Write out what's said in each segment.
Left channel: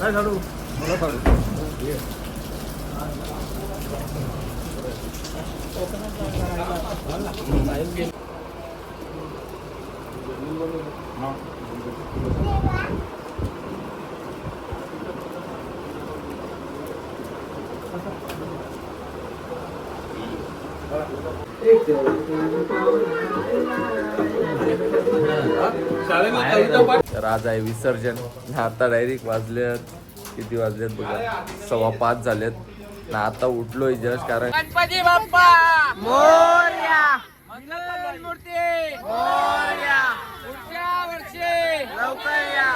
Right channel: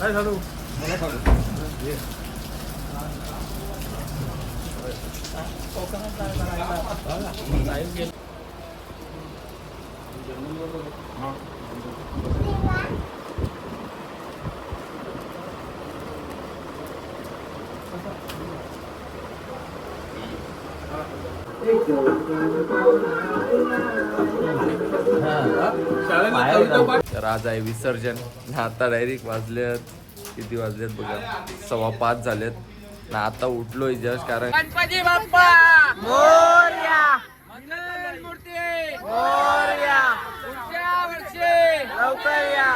काय झाडू मला झाडू तर आज आहे विसर्जन. आता डायरेक्ट वाजलेत, किती वाजलेत बघा, 5:15 झालेत ना. आता उठलोय जस्ट, कारण गणपती बाप्पा मोरया, मंगल मूर्ती मोरया, पुढच्या वर्षी लवकर या.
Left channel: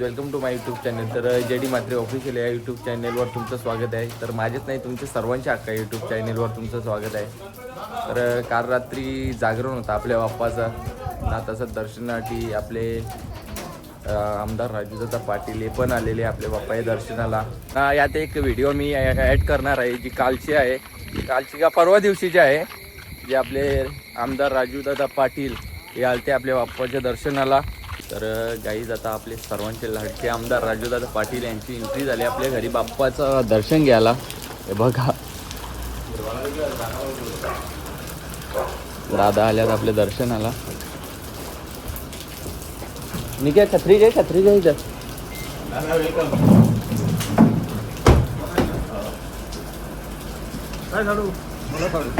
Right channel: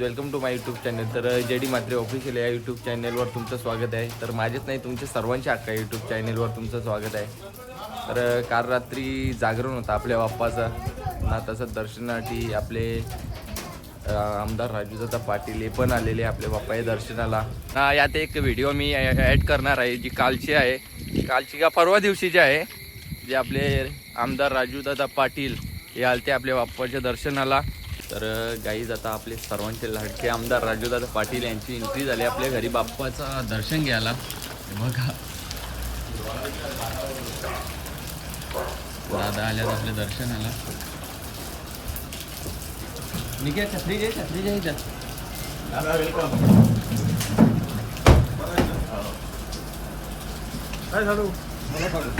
Welcome to my YouTube channel. तर JD म्हात्रे ऑफिशियल या यूट्यूब चॅनलवर तुमचं स्वागत आहे. तर माझेच नाही, तुमच्या सर्वांच्या हक्का यूट्यूब चॅनलवर तुमचं स्वागत आहे. तर काल रात्री जागरण होतं आपल्या बाप्पाचं ना. तसं दर्शनासाठी आपले आमदार राजूदादा पाटील हे पण आलेले आपल्या बाप्पाच्या दर्शनाला ना. यात एक व्हिडिओ मी ॲड करणार आहे, जी कालची आहे, कालची का परवा दिवशीची आहे, जे आपले आमदार राजूदादा पाटील हे आलते आपल्या बाप्पाच्या दर्शनाला. तर गाईज आता आपले सर्वांचे लाडके आमदार राजूदादा पाटील यांची एंट्री झाली आपल्या घरी बाप्पाचं दर्शन घ्यायला. हे बघा, दादा आल्यात आपल्या दर्शनाला. निघ्या, छत्री घे, छत्री घ्या इथं. काय झाडू मला झाडू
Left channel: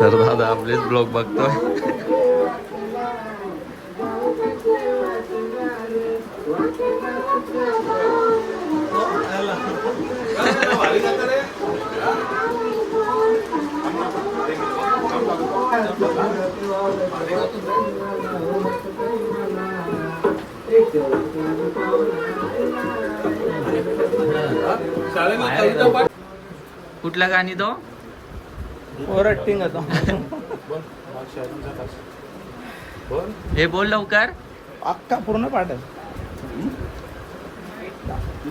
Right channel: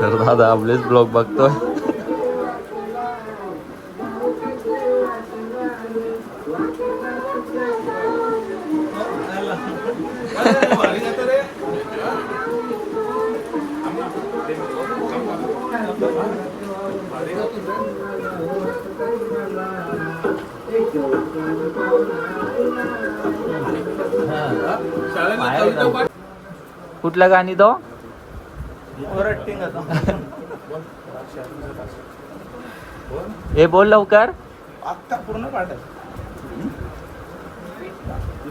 तर दादा आपलेच ब्लॉग बघतोय. कुठलं गाणी तो हे बोल लवकर. अक्का पूर्ण पाठल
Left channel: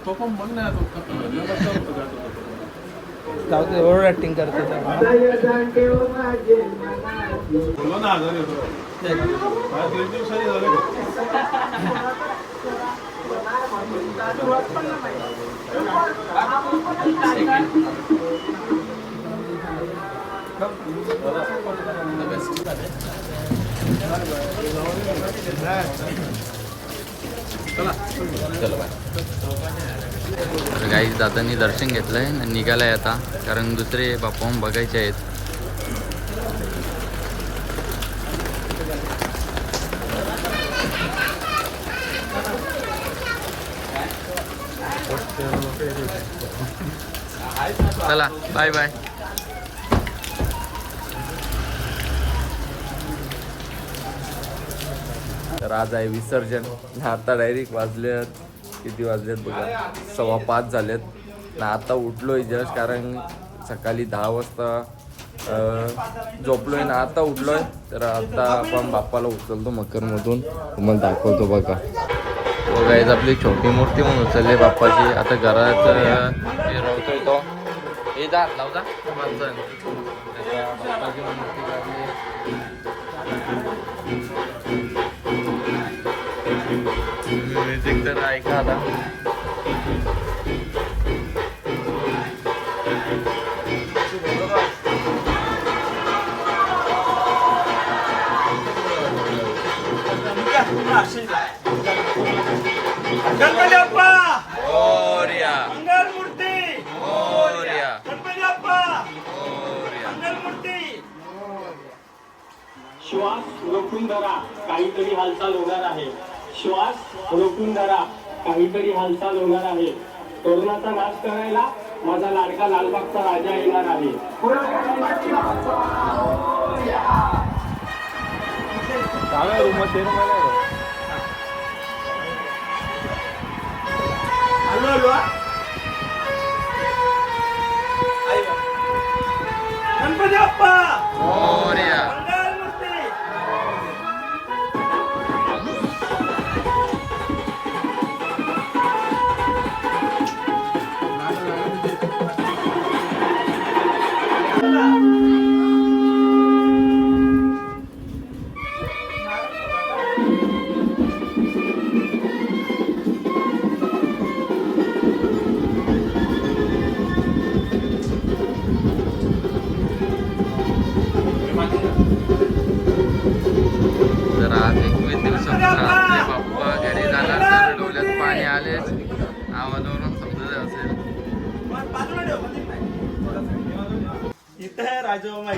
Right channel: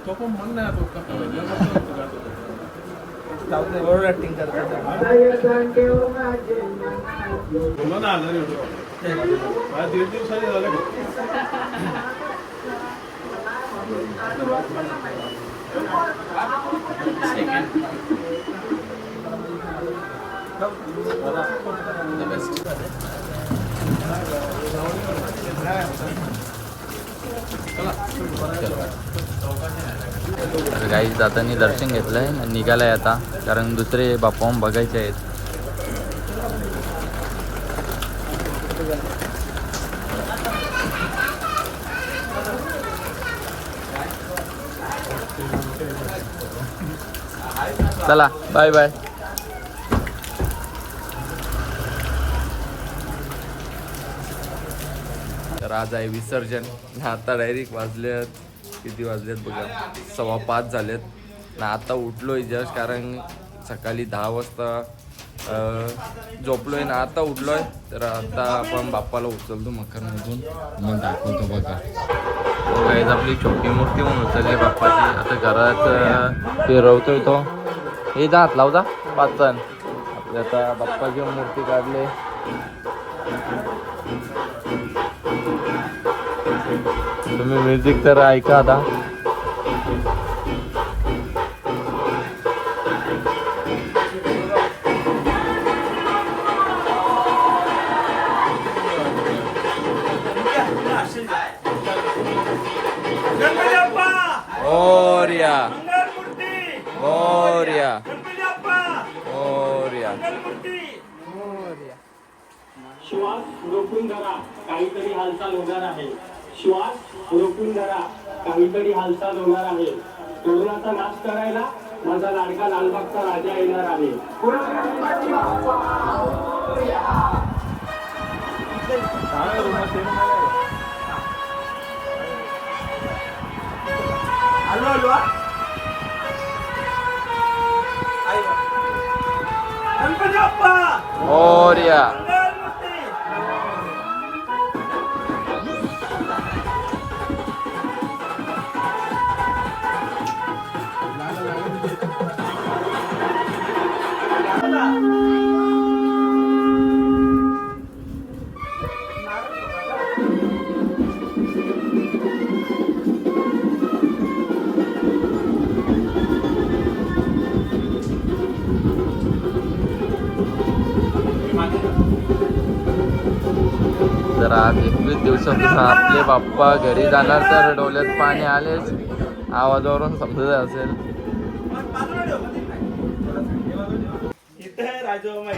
तो पण मन नाही तो ऍक्टिंग चलो बाय. तर गाईज दादांनी दर्शन घेतलंय आणि निघालाय आता, कारण दुसरे बाप्पा बघायचे आहेत. चला बाय बाय. तर आज आहे विसर्जन. आता डायरेक्ट वाजलेत, किती वाजलेत बघा, 5:15 झालेत ना. आता उठलोय जस्ट, कारण सकाळी 10 वाजता झोपलोय ना. आता उठलोय. तर आता आपण बाप्पाला उचलतो मकरमधून, तुम्हाला दाखवतो बघा. तो गाईज आपली छोटी मूर्ती म्हणून उचलली बाप्पाची. आता घरात फिरवतोय तो. हे जा हात लावजा 5 जण. आता बाप्पाची मूर्ती काढली. तुम्ही म्युझिक तर ऐका आता. गणपती बाप्पा मोरया मंगलमूर्ती मोरया गणपती बाप्पा मोरया. मंगलमूर्ती. श्वास रोखून धरा, काहीतरी हालचाल होणार आहे. श्वास रोखून धरा, काहीतरी हालचाल होणार आहे. कोरोनाचा मास्क करायला माझा लाडका लालबागचा राजा येणार आहे. आलो आलो हा. गणपती बाप्पा मोरया मंगलमूर्ती. जर आज 21 दिवसातून आपले बाप्पा घरी जाणार तर डोळ्यात पाणी आलेच. आवाजावरून समजत असेल. इथं राजबाबा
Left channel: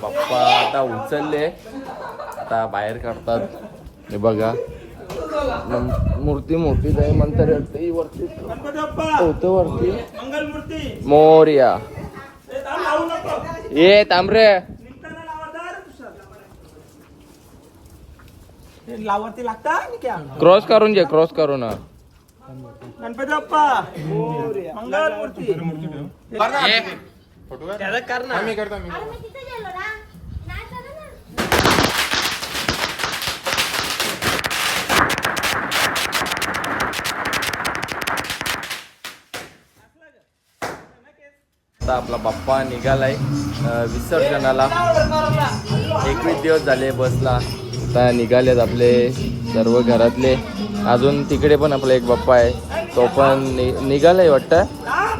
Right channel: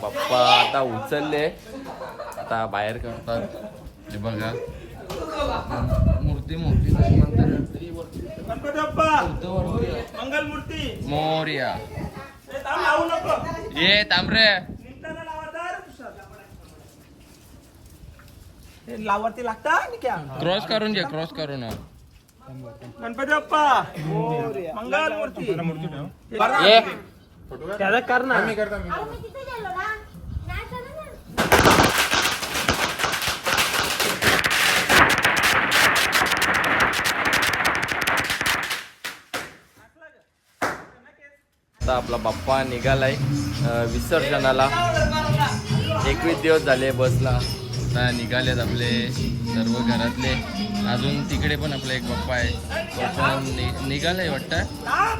बाप्पा आता उचलले, आता बाहेर काढतात. हे बघा मूर्ती मोठी जाईल म्हणतात वरती गणपती बाप्पा होतं वरती. मंगलमूर्ती. मोरया ए, थांब, लावू नको. ये तांबरे निघताना लावा तर. लावरती लागता आणि क्या क्रॉस करून जे क्रॉस करू ना. गणपती बाप्पा मंगलमूर्ती. ये त्याला कर ना. अरे मी तिथे गेलो ना नाही चालू ना. आता आपला बाप्पा निघालाय विसर्जनाला. 21 दिवस झाले बसला. आता निघालेत आपले सर्व घरातले. अजून तिकडे पण आपला एक बाप्पा आहे, तो पण निघालाय वाटतं.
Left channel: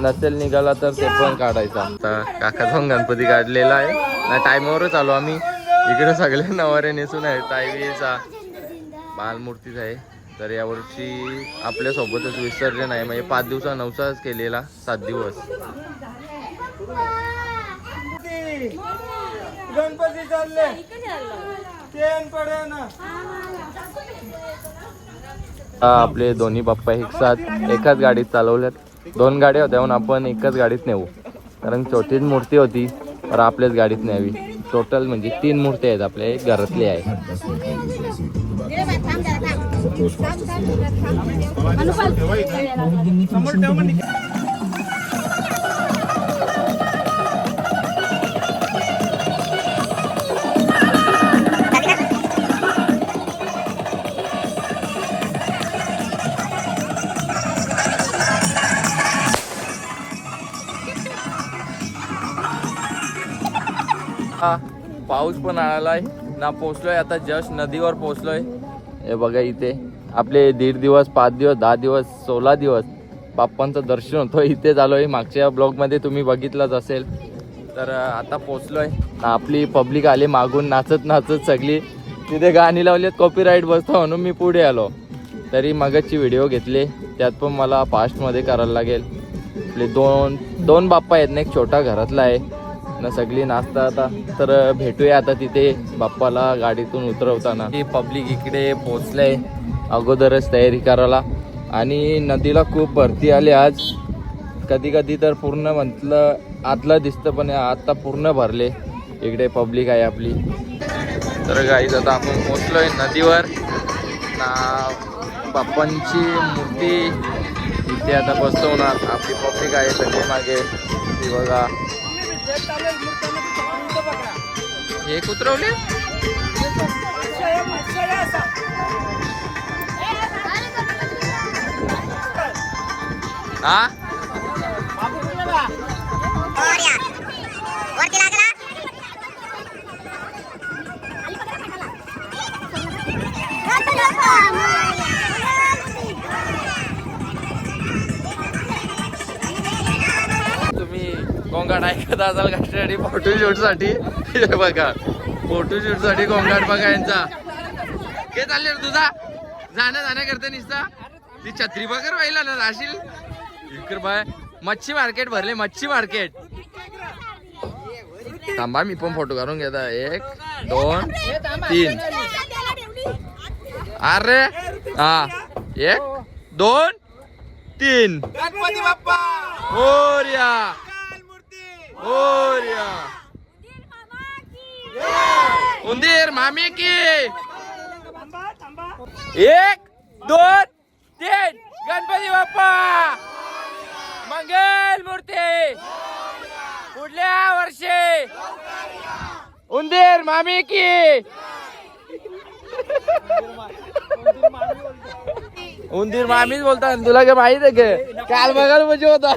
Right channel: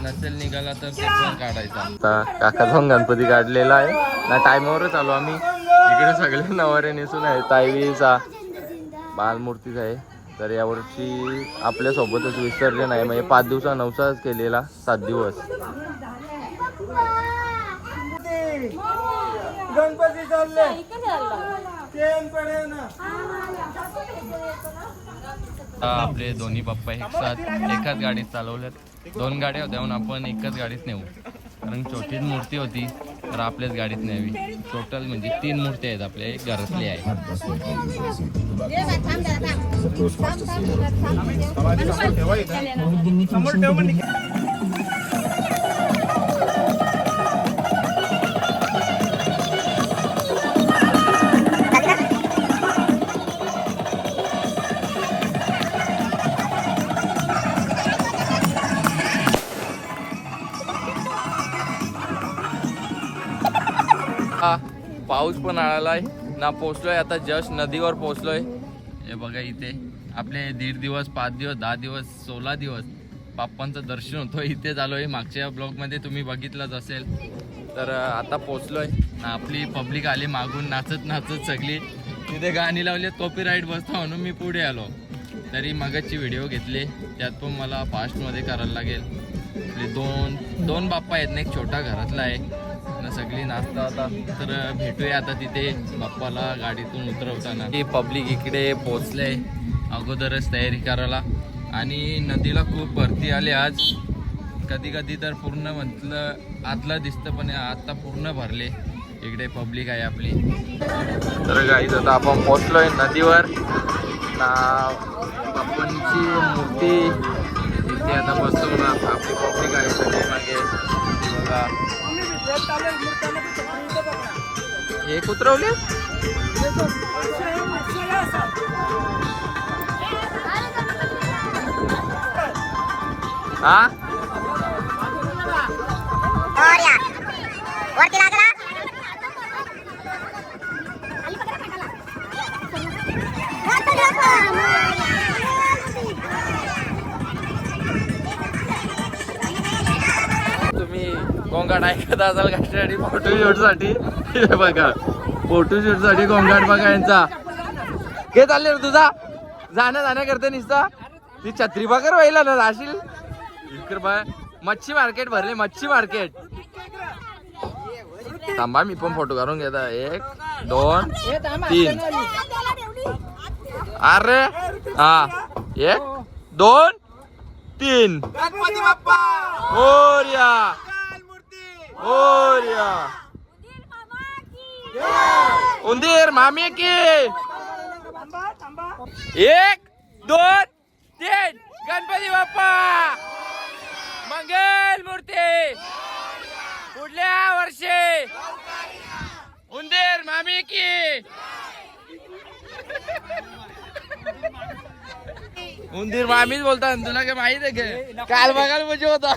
नसेल निघाला तर ते पण काढायचा. आता काका जाऊन गणपती काढलेला आहे ना. टायमावरच आलो आम्ही. इकडे सगळे नवारे नेसून आहे. ताईचा बालमूर्तीच आहे. तर यावर्षी आपल्यासोबतच विसर्जन आहे. म्हणजे 5 दिवसा नवसाच केलेला 7 दिवस. गणपती चालले ट्रेन पडे ना. आपले दोन्ही बाप्पा एकाच गाडीत चालवल्यात. 2 गाड्या होत्या म्हणून आपण एकाच गाडीत नेऊ, कारण छोटीच मूर्ती होती तर आपल्याच गाडीत न्यावी. टोटल म्हणजे 3 मूर्ती आहेत आपल्या घरातली आहे. पाऊस पण आलाय ना, पोचलोय आता जस्ट नदीवर पोचलोय. हे बघा इथे आपले 1.5 दिवस 5 दिवस 10 दिवस 16 दिवस बाप्पांचं दर्शन होतं इथे झालोय. मागच्या ब्लॉगमध्ये तुम्ही बघितलंच असेल. तर आता पोचलोय. आपली पब्लिक आली मागून नाचत नाचत सगळी. तिथे गाणी लावलीत कॉपीराईट बसतो म्हणून मी पुढे आलो. तरी मगाची व्हिडिओ घेतले, त्यात पण मला फास्टमध्ये करायला लागेल. आपले दोन बाप्पा आहेत ना, एक छोटा घरातला आहे ना, सगळी नाचता आता. तर भेटूया आता तिथे बाप्पाला गाडीतून उतरवताना. ही पब्लिक इकडे पोचलंय अगोदरच तयारी करायला. आणि नदीला खूप भरती आली आज. कधी कधी तर पूर्ण म्हटलं आतलं दिसतं, पण आता पूर्ण भरले. इकडे पब्लिक आहे आपली. तर गाईज आता आपण पोचलोय नदीवर ना. बाप्पांची मूर्ती इथे आता बसवणार. आपली पब्लिक आहे सगळी मागे. बघा हे उतरवले. हा वरती लागला तुम्ही गोंगाट ऐकत असाल कशासाठी? फोटोशूटसाठी. बघा फोटोशूटसाठी गोंगाट बघा यांचा. काय चालले रे तुझा? जाणं करते निसता. ती छत्री बघर व्हायला ना राशील इकडे बाय. मच्छी मार्केट भरले, मच्छी मार्केट. थांबा मी पण फोटो काढून घेता. 1 2 3. अरे हा 1 2 3. गणपती बाप्पा मोरया मोरया. उंदीर मामी की. 1 2 3. गणपती बाप्पा मंगल मूर्ती. पुढल्या वर्षी उंदीर मामी की. उंदीर मामीच बोलता. तुला काय माहित आहे का? काल बघायला म्हणजे होता.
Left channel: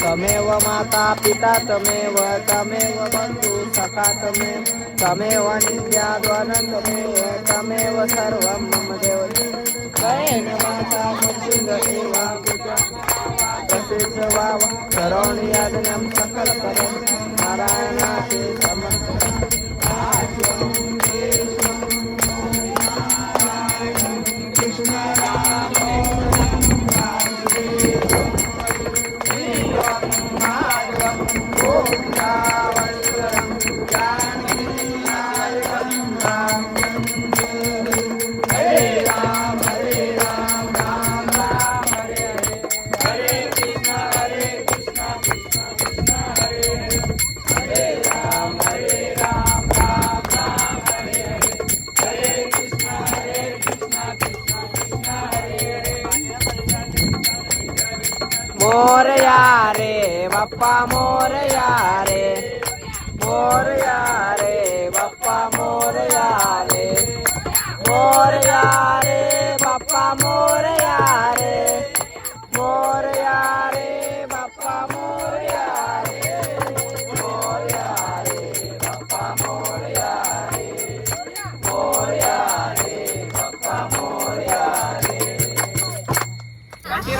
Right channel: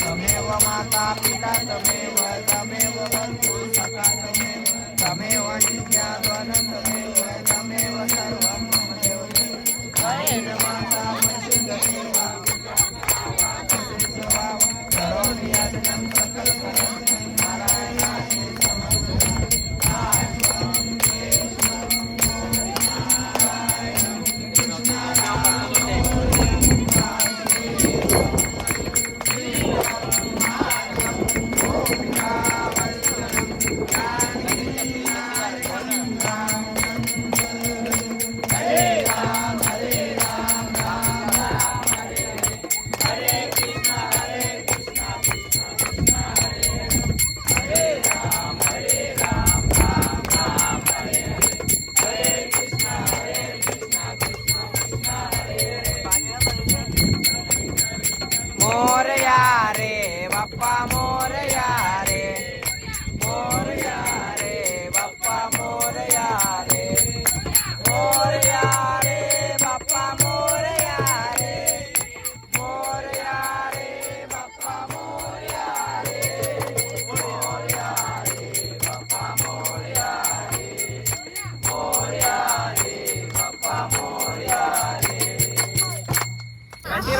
तमेव माता पिता तमेव तमेव बंधु सखा तमेव नित्याद्वनं तमेव सर्वं मम देवते अनेन वाचा मुक्तिर्देवा पिता करोमि यज्ञं सकलकर्म नारायणाति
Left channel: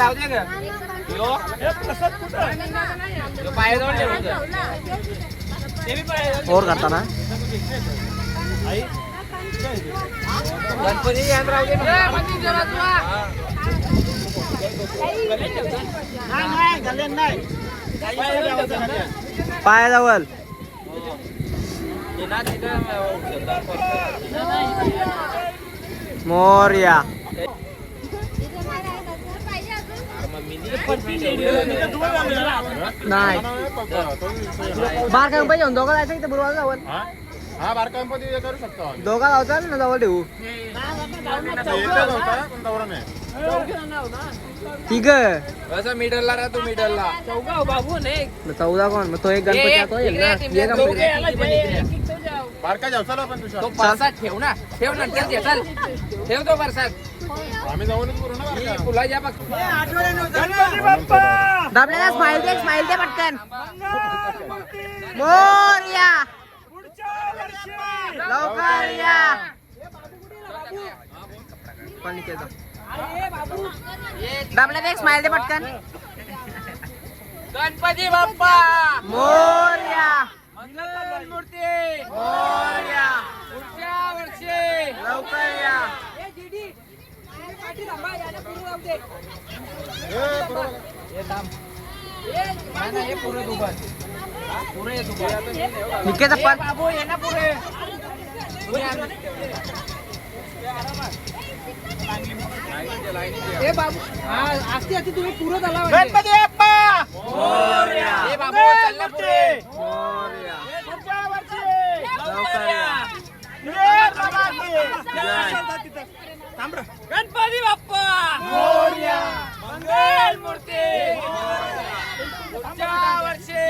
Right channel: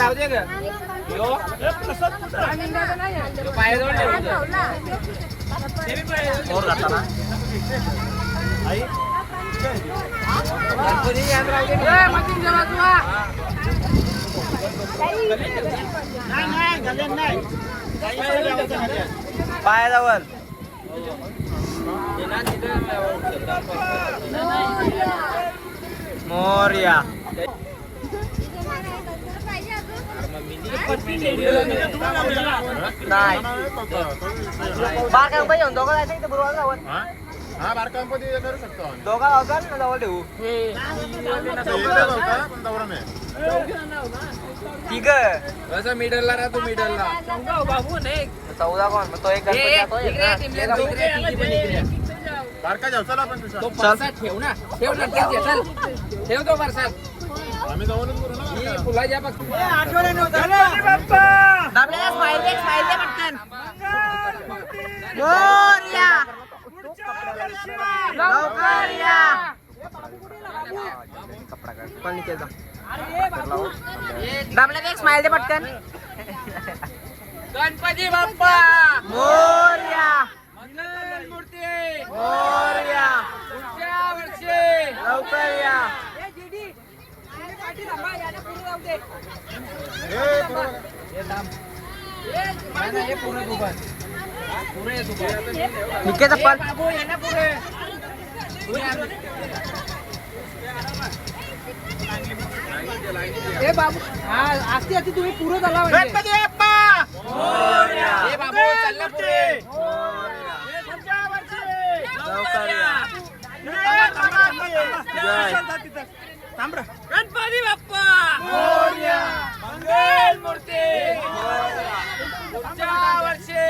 राहू दे ग और करता ना गणपती याद राहू दे पायाजवळ मोरया नाही बार गणपती येऊन दोघं जायचं इथे बरोबर जावं हा बारका गणपती करू शकतो आम्ही. दोघा लावतात ना जवळ ठेवू ठीक आहे मिडलला राहतो मिडलला 14 कोण तो एक गणपती बारका जाऊ चला पण तुझ्या तो परसाद ठेव ना ठेव नंतर घे चल ठेव तो परसाद आम्ही जाऊनच करू ना ही फुला ज्या बघ दाबलेला स्माइल दे पटकन मोरया लवकर या पण निकेता दाबलेला एक स्माइल दे पटकन गणपती बाप्पा मोरया मंगल मूर्ती मोरया पुढच्या वर्षी लवकर या हे पुरे दुकान पुरे दुकान निकेता पण बाबू ये ना पुरे ए बाबू आस्ती आस्ती तुम्ही पुरं झाला गणपती बाप्पा ए बाबू चल ना पुरे लवकर या गणपती बाप्पा मंगल मूर्ती पुढच्या वर्षी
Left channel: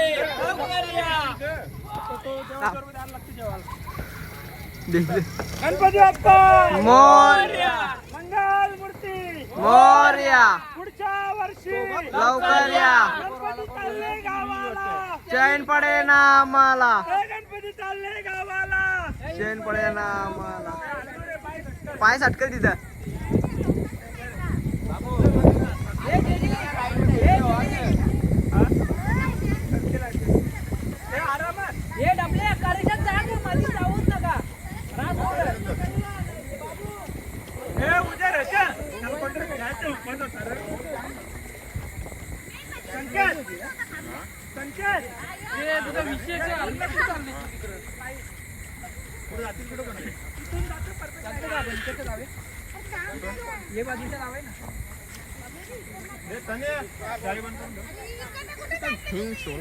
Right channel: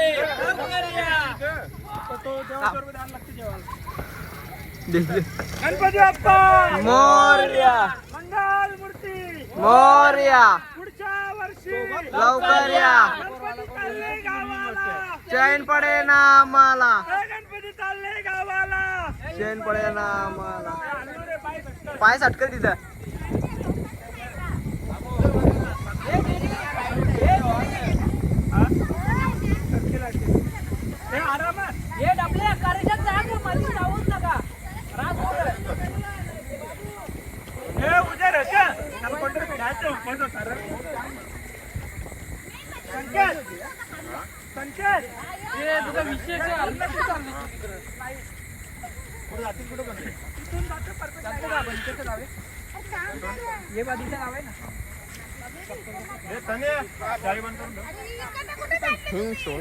गणपती बाप्पा मोरया मंगल मूर्ती मोरया पुढच्या वर्षी लवकर या गणपती चालले गावाला चैन पडे ना आम्हाला गणपती चालले गावाला चैन पडे ना आम्हाला पाय सटकर तिथं हे डबले करायचं जाग मध्ये जाऊच नका हे उद्या रचा त्याला कोणतरी जायचं होतं सर पंचायत हे तुझा विषय ये बाजूचा लावाय ना हे तने गाडी बंद करून दे.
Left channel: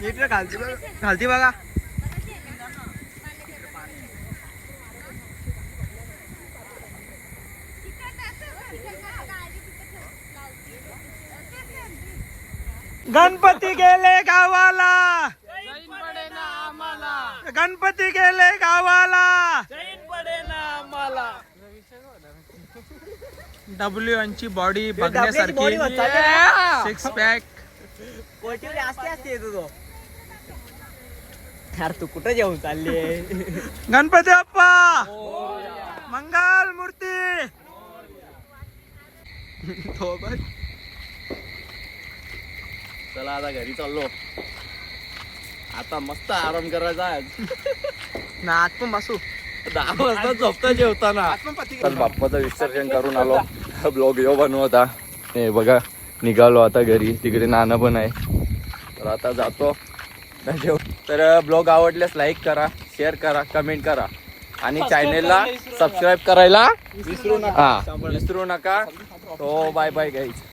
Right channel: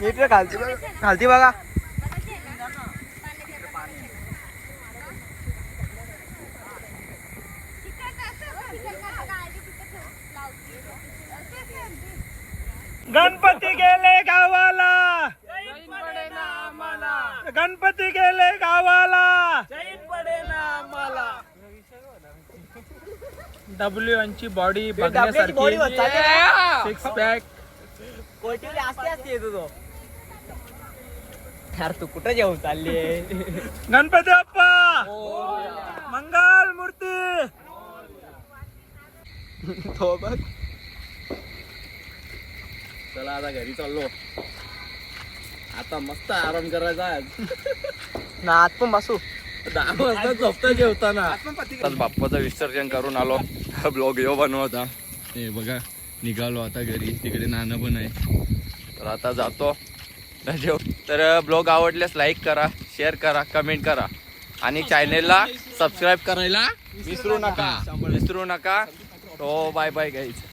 नीट रे खालती बघा गणपती गेले गावाला गणपती गेले गावाला डब्ल्यू यांची बॉडी बघण्यासारखी 6 पॅक यार तू कुठं जेवून चालली गणपती बाप्पा मंगल मूर्ती तो बघ चला आता घरी चाललो आता मस्त आराम करायचा ना आत पण बसू 10 वाजता झोपता जेवताना तर बाप्पाचं विसर्जन करून आलो ब्लॉग यो बनवता हे बघा निघालो आता घरी तिकडे नाना पण आहे तर आता जातो तर ब्लॉग आवडल्यास लाईक करा शेअर करा कमेंट करा आणि चॅनेलला सबस्क्राईब करायला विसरू नका तो बाय बाय गाईज.